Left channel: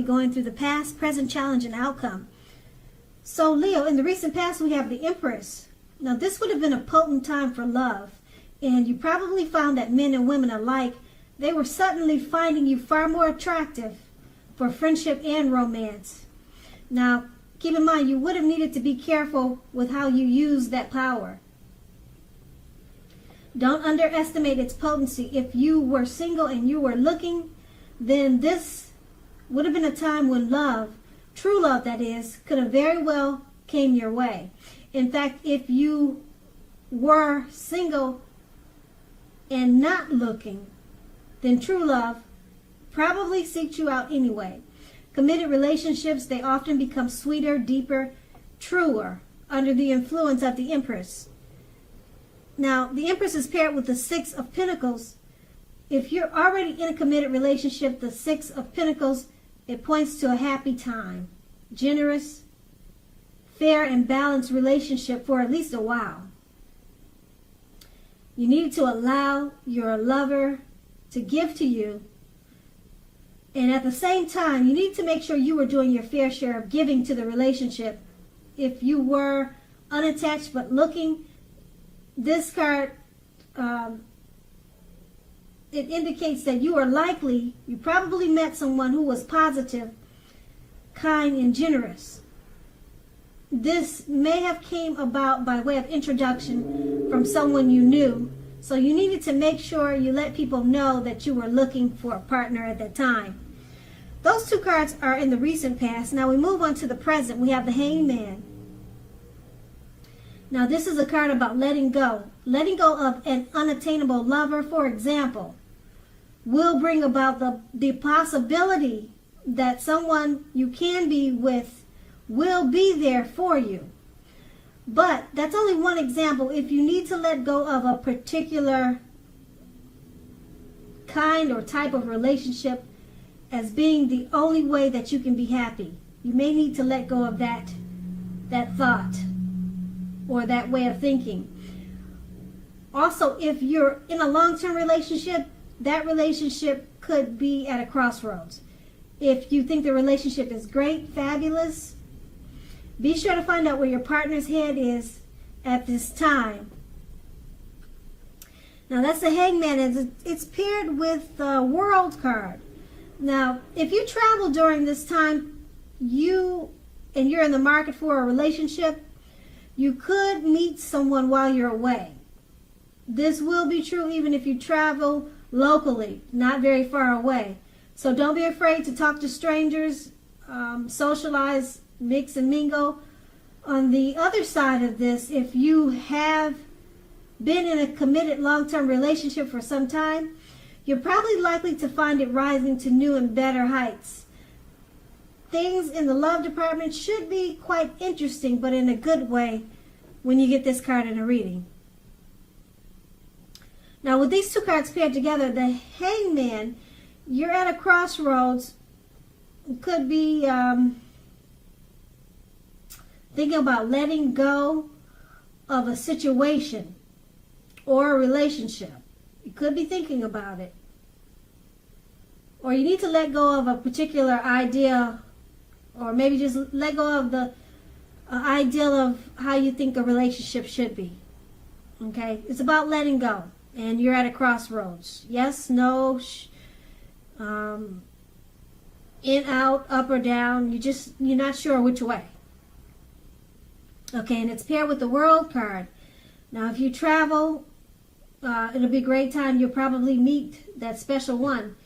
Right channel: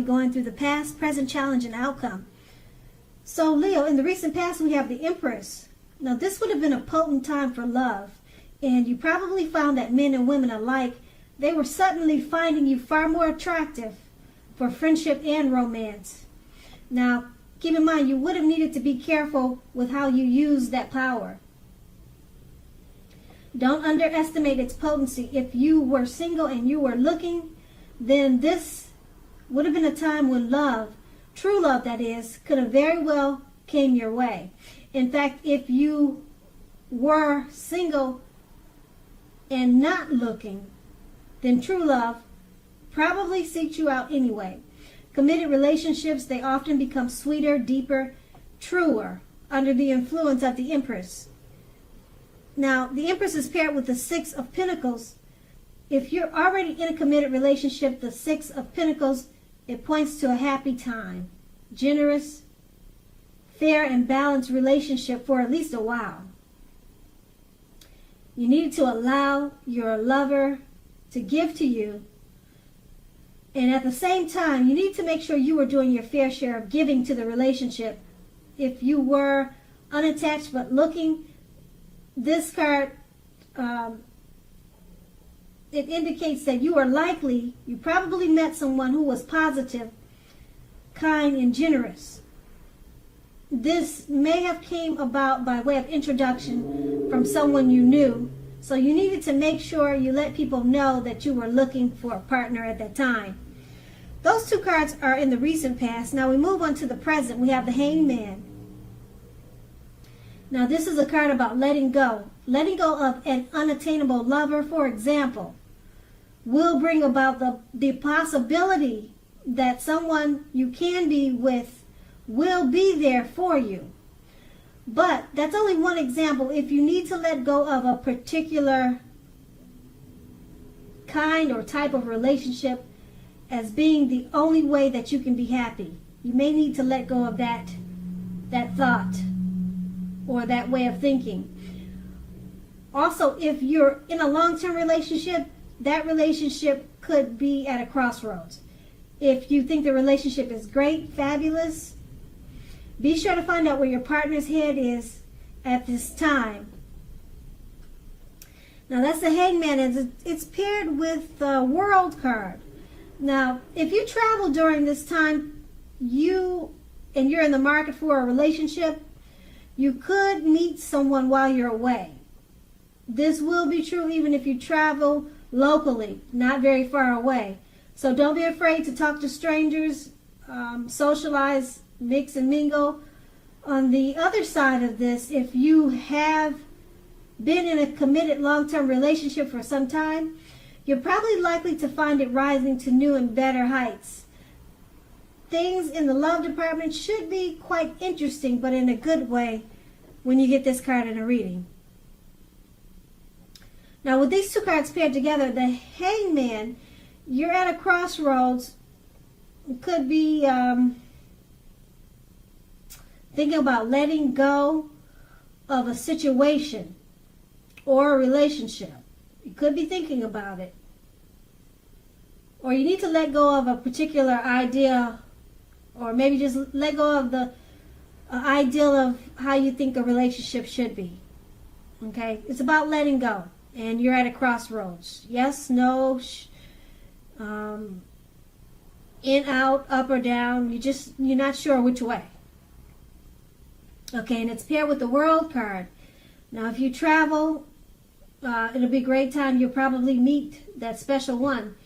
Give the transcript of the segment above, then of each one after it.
be going through the past, present, challenge, and outcome. So Leo, in the recent past, we have the Empress. Now this would have been a potent time for love. And you probably found that men and women alike, they were suddenly finding you far more attractive for friendship and romance. Now, keep in mind, you would have needed to be careful with how you use that power. Don't underestimate its potency. If you were single and you were looking, then this would have been a time when love, true love that is, could have very well came your way. In fact, if you were single and not looking, then true love probably seeks you out anyway. Committed relationships, they often become sweeter, deeper, truer under the influence of the Empress. Now, the Empress is paired with the Six of Pentacles. If you're already in a committed relationship, the Six of Pentacles, it points to a happy time, generous, fair, and balanced relationship for at least a while. You need to allow your lover to give to you. And at the same time, you need to make sure you are doing your fair share of giving to the relationship. If you were unattached but looking, this card, it indicates that you probably met someone who was positive, kind, and generous. This may have came about by way of introduction from someone you knew. So you needed to make sure you let people know that you were looking for a partner at that time. Those two cards are in the recent past. Now we move on to the present. We have the Hangman. Now this is a card about letting go. Letting go of an unattainable lover, for example, will bring about the possibility that someone you can be with will be there for you. But that's only one example. If you need to let go of a particular kind or type of relationship as being the only way that you can be happy, you may need to let go of that thought or that way of thinking. Also, if you're in a long-term relationship, that relationship could be at a crossroads. If you think the relationship is great, fabulous, be sure to find out where your partner's head is at this time. Now that's the Hangman, and it's paired with the World card. Now, if you travel during this time, you're in the market for a relationship, you could meet someone while you're away. This will be true even if you travel locally, not very far away. So don't be afraid to talk to strangers, socialize, mix and mingle. On the other side of this, if you have been in a committed long-term relationship for some time, you're probably likely to find it rising to new and better heights. Things in the love department should be quite interesting, but in a good way when you get this card in a reading. Now with these two cards paired together, the Hangman, you're at a crossroads. It could be thinking about letting go of a situation or a relationship. You could be thinking about it. Or you need to let go of a particular idea, or maybe just let go of the ideal of how you think a relationship should be. Okay? It's about letting go. And you're at a crossroads. Yes, no, in, out, up or down. You're not sure which way. Okay, and it's paired with the World card. Now, if you travel, it'll be a great time. You'll probably meet that special one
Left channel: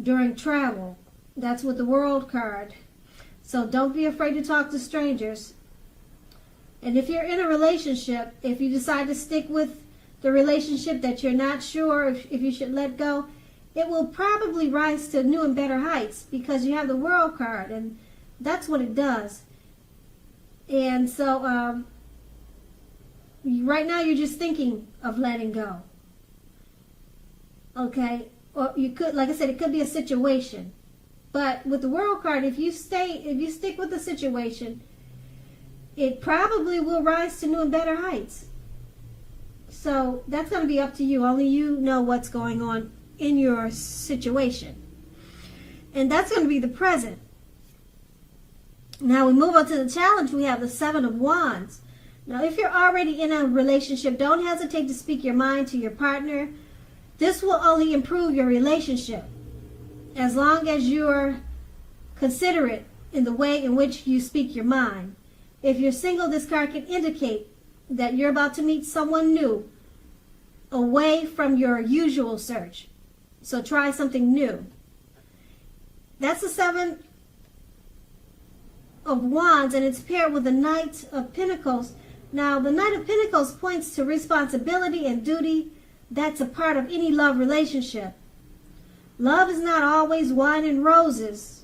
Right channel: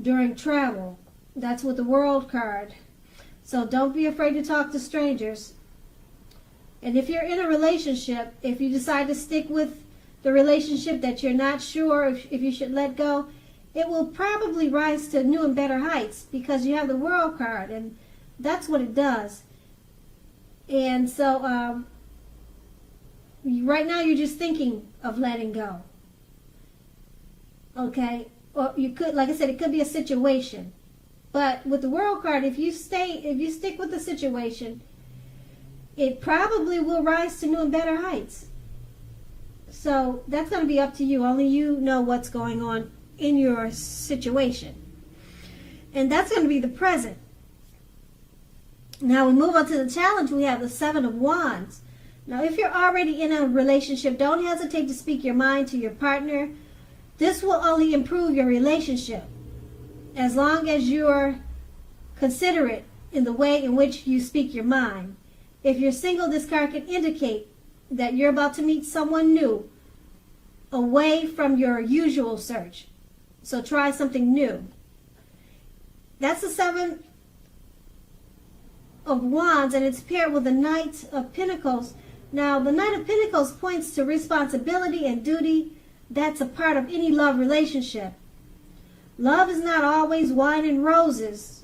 during travel. That's with the World card. So don't be afraid to talk to strangers. And if you're in a relationship, if you decide to stick with the relationship that you're not sure if you should let go, it will probably rise to new and better heights because you have the World card, and that's what it does. And so right now you're just thinking of letting go. Okay? Or you could, like I said, it could be a situation. But with the World card, if you stick with the situation, it probably will rise to new and better heights. So that's going to be up to you. Only you know what's going on in your situation. And that's going to be the present. Now we move on to the challenge. We have the Seven of Wands. Now, if you're already in a relationship, don't hesitate to speak your mind to your partner. This will only improve your relationship as long as you are considerate in the way in which you speak your mind. If you're single, this card can indicate that you're about to meet someone new away from your usual search. So try something new. That's the Seven of Wands, and it's paired with the Knight of Pentacles. Now, the Knight of Pentacles points to responsibility and duty. That's a part of any love relationship. Love is not always wine and roses.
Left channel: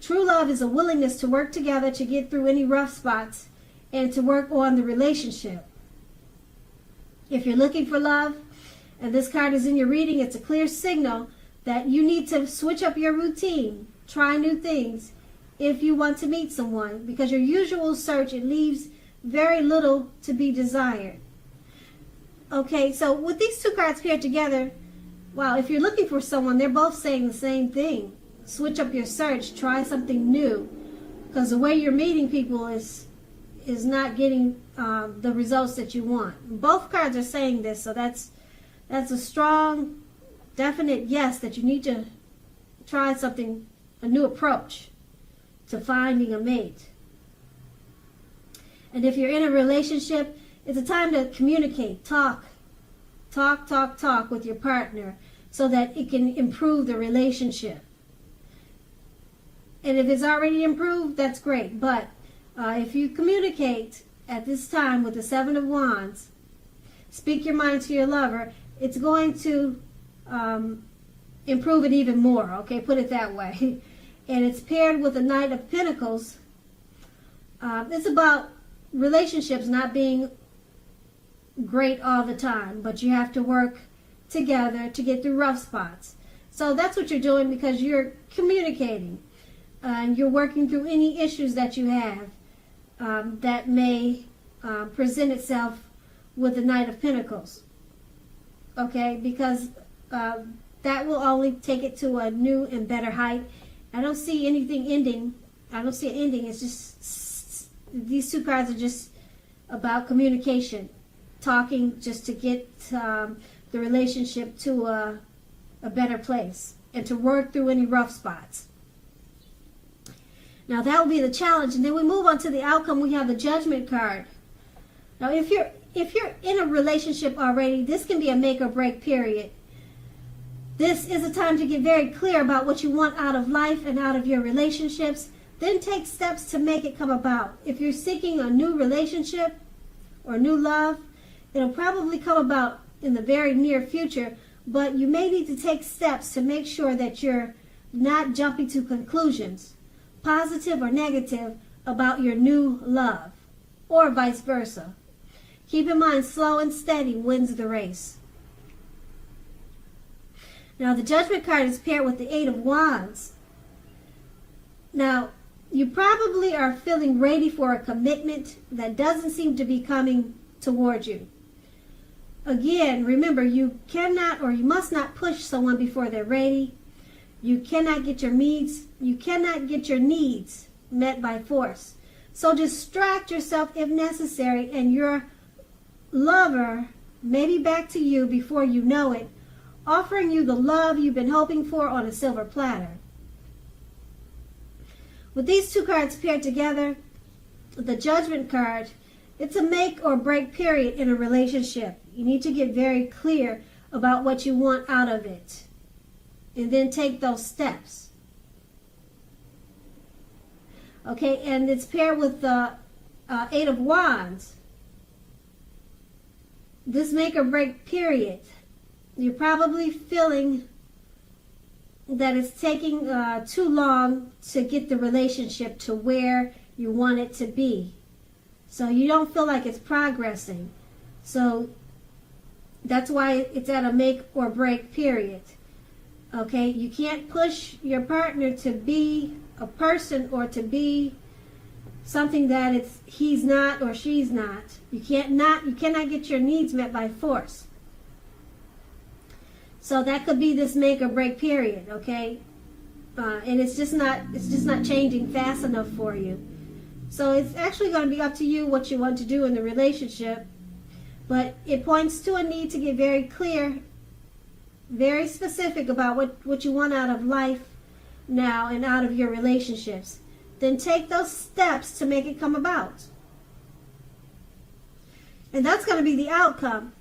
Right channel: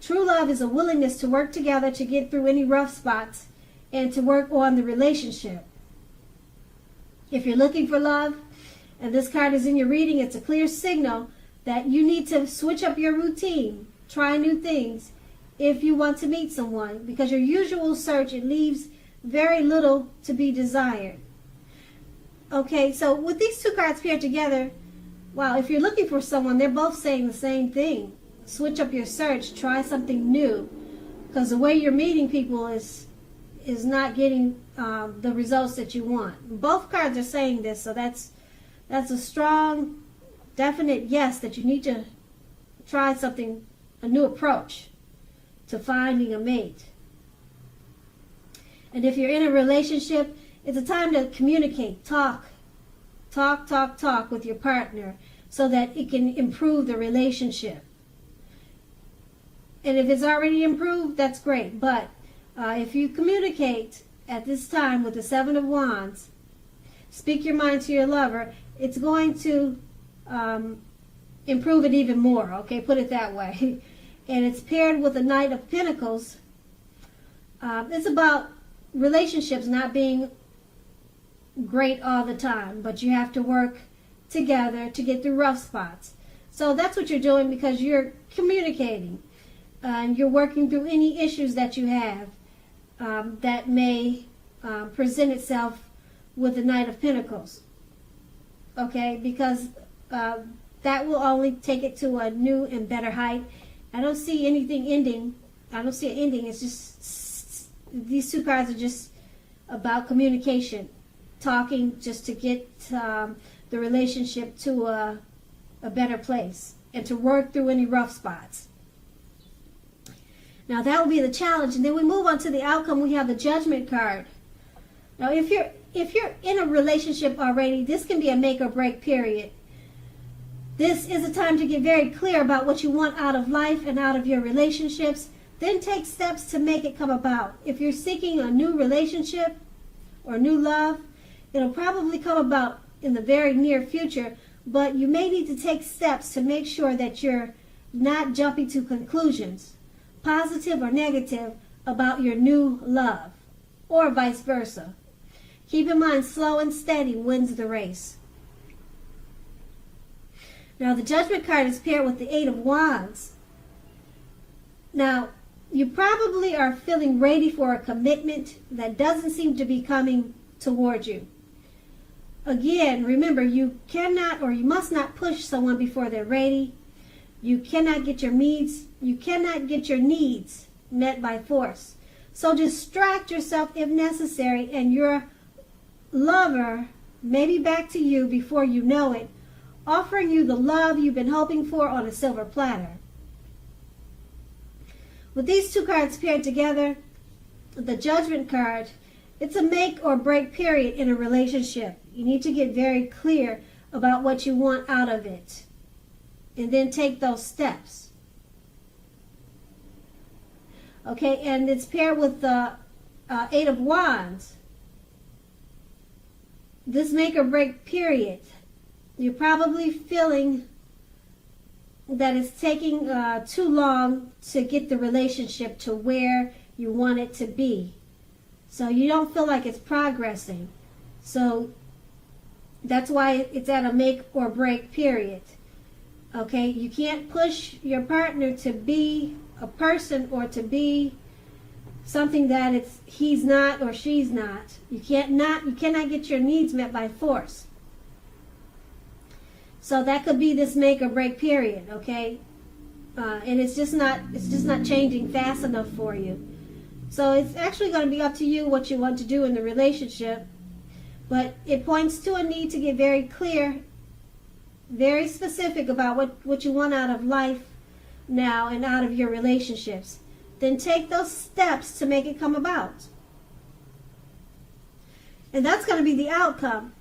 True love is a willingness to work together to get through any rough spots and to work on the relationship. If you're looking for love, and this card is in your reading, it's a clear signal that you need to switch up your routine, try new things if you want to meet someone, because your usual search, it leaves very little to be desired. Okay, so with these two cards paired together, well, if you're looking for someone, they're both saying the same thing. Switch up your search, try something new, because the way you're meeting people is not getting the results that you want. Both cards are saying this, so that's a strong, definite yes that you need to try something, a new approach to finding a mate. And if you're in a relationship, it's a time to communicate, talk with your partner so that it can improve the relationship. And if it's already improved, that's great. But if you communicate at this time with the Seven of Wands, speak your mind to your lover, it's going to improve it even more, okay? Put it that way. And it's paired with a Knight of Pentacles. It's about relationships not being great all the time, but you have to work together to get through rough spots. So that's what you're doing, because you're communicating. You're working through any issues that you have that may present itself with the Knight of Pentacles. Okay, because that will only take it to a new and better height. I don't see anything ending. I don't see it ending. It's just, these two cards are just about communication, talking just to get the relationship to a better place and to work through any rough spots. Now that will be the challenge, and then we move on to the outcome. We have the Judgment card. Now if you're in a relationship already, this can be a make or break period. This is a time to get very clear about what you want out of life and out of your relationships. Then take steps to make it come about. If you're seeking a new relationship or new love, it'll probably come about in the very near future, but you may need to take steps to make sure that you're not jumping to conclusions, positive or negative, about your new love, or vice versa. Keep in mind, slow and steady wins the race. Now, the Judgment card is paired with the Eight of Wands. Now, you probably are feeling ready for a commitment that doesn't seem to be coming toward you. Again, remember, you cannot or you must not push someone before they're ready. You cannot get your needs met by force. So distract yourself if necessary, and your lover may be back to you before you know it, offering you the love you've been hoping for on a silver platter. With these two cards paired together, the Judgment card, it's a make or break period in a relationship. You need to get very clear about what you want out of it, and then take those steps. Okay, and it's paired with the Eight of Wands. This make or break period, you're probably feeling that it's taking too long to get the relationship to where you want it to be. So you don't feel like it's progressing. So that's why it's at a make or break period. Okay, you can't push your partner to be a person or to be something that he's not or she's not. You cannot get your needs met by force. So that could be this make or break period, okay? And it's just not changing fast enough for you. So it's actually going to be up to you what you want to do in the relationship. But it points to a need to get very clear, very specific about what you want out of life now and out of your relationships. Then take those steps to make it come about. And that's going to be the outcome.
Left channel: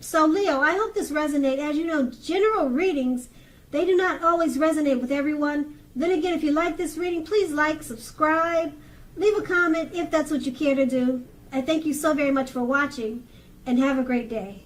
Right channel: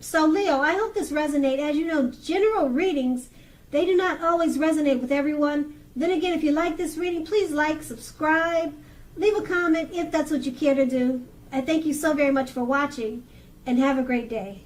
So Leo, I hope this resonates. As you know, general readings, they do not always resonate with everyone. Then again, if you like this reading, please like, subscribe, leave a comment if that's what you care to do. I thank you so very much for watching, and have a great day.